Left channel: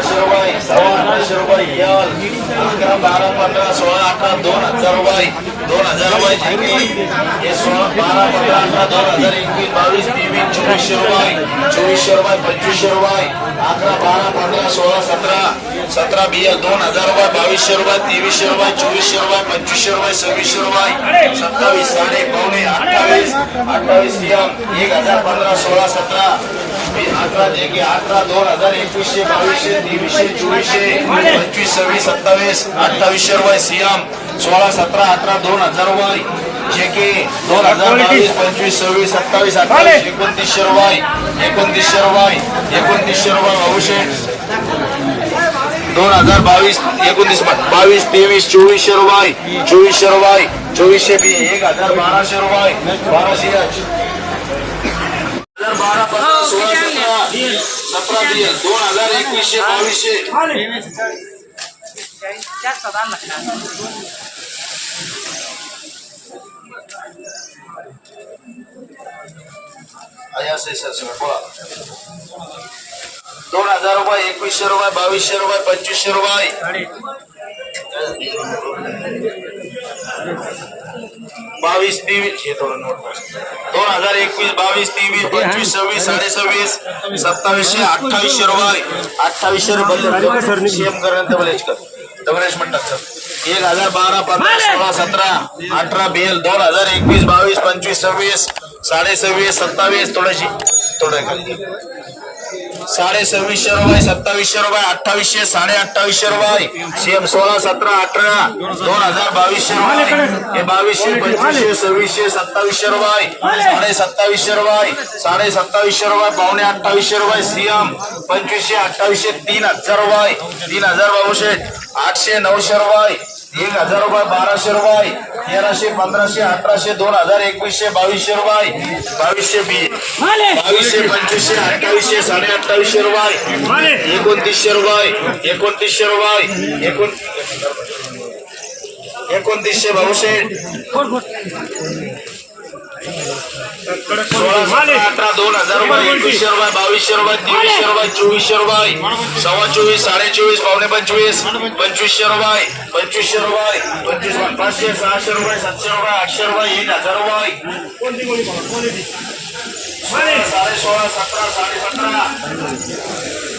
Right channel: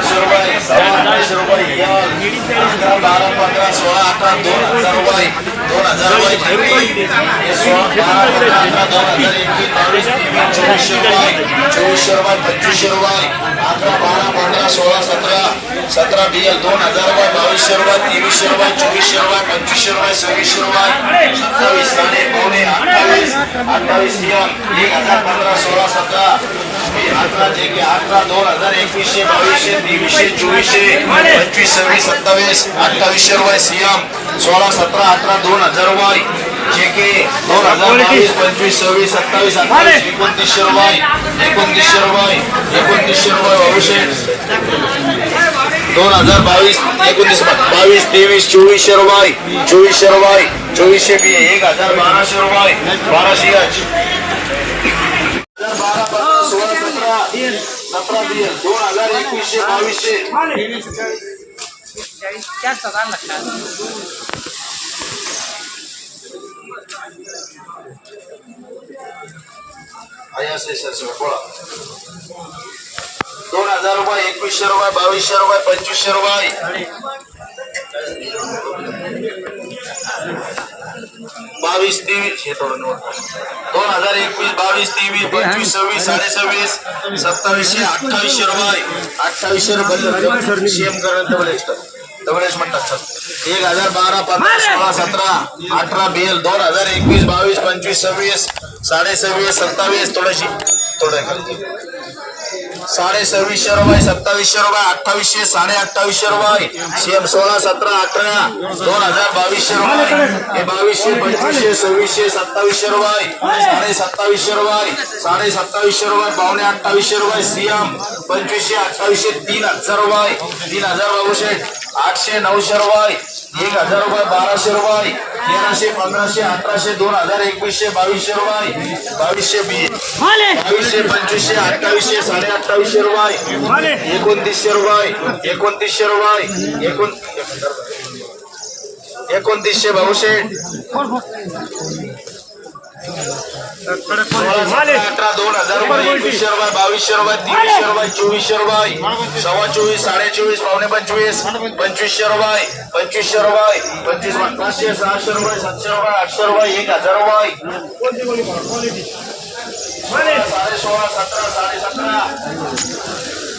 अठराशे रुपये. सव्वा अठराशे रुपये अकरा बारा पंधरा सोळा अठरा दोन हजार रुपये. दोन हजार रुपये झेंडी. सोळा बारा पंधरा अठरा दोन हजार एकवीस बावीस तेवीस चोवीसशे रुपये. चोवीसशे रुपये पंचवीसशे रुपये. अकरा बारा पंधरा सोळा सतरा. सतरा बियल दोन हजार रुपये बावीसशे रुपये तेवीसशे रुपये चोवीसशे रुपये पंचवीसशे रुपये सव्वीसशे रुपये. सत्तावीस साडे पावणे अठ्ठावीस अठ्ठावीस यल एक हजार पंधरा सोळा सतरा. हे अठरा जे की अठरा दोन हजार एकवीसशे बावीसशे तेवीसशे चोवीसशे पंचवीस सव्वीस सत्तावीस अठ्ठावीसशे रुपये सीएम सोळा सतरा अठरा दोन हजार रुपये जे की दोन हजार बावीस पंचवीस सव्वीस सत्तावीस अठ्ठावीस एकोणतीसशे रुपये एकोणतीसशे रुपये एकोणतीसशे रुपये बावीसशे दोन हजार बावीस एकोणतीस बावीस तेवीस चोवीसशे रुपये चोवीसशे रुपये चोवीसशे बी एक हजार बाराशे रुपये बाराशे हजार बारा पंधरा सोळा सतरा सतरा बी दोन हजार एकवीसशे बावीसशे असे सर सर बोला दोन हजार रुपये एकवीसशे रुपये बावीसशे रुपये पंचवीसशे रुपये बावीस तेवीस हे थोडं नोट दोन हजार एकवीस बावीस तेवीस पंचवीस सव्वीस साडे सव्वीस सत्तावीसशे अठ्ठावीसशे रुपये अठ्ठावीसशे रुपये सीएम करून डबलेच कर. डबलेच म्हणतात सर एक हजार बारा पंधरा सोळा सतरा अठरा बेल. दोन हजार एकवीस बावीस पंचवीस सव्वीस साडे सव्वीस सत्तावीस थोडीशी थोडं खाली साडे सव्वीसशे रुपये सत्तावीसशे रुपये अठ्ठावीसशे साडे अठ्ठावीसशे रुपये. सीएम सोळा सतरा अठरा दोन हजार बावीसशे रुपये. हे बावीसशे पंचवीसशे सव्वीसशे सत्तावीसशे रुपये. साडे सत्तावीसशे रुपये साडे सत्तावीसशे रुपये पावणे अठ्ठावीसशे रुपये. सीएम पंचवीसशे अठ्ठावीसशे तीन हजार रुपये. तीन हजार बाबूशे आठशे नऊशे रुपये. एक हजार रुपये बाराशे रुपये तेराशे पंधराशे अठराशे दोन हजार एकवीसशे बावीसशे रुपये बावीसशे बावीसशे पंचवीसशे अठ्ठावीसशे साडे अठ्ठावीसशे रुपये एकोणतीसशे रुपये एकोणतीसशे रुपये एकोण एकोणतीसशे भाऊशे. सोळा अठरा दोन हजार रुपये एकवीसशे रुपये बावीसशे रुपये तेवीसशे रुपये चोवीसशे रुपये सव्वा चोवीस साडे चोवीस पावणे पंचवीस पंचवीसशे रुपये पंचवीसशे रुपये पंचवीस पाचशे सहाशे रुपये सातशे रुपये आठशे रुपये एक हजार रुपये. साडे सोळा सतरा साडे सतरा.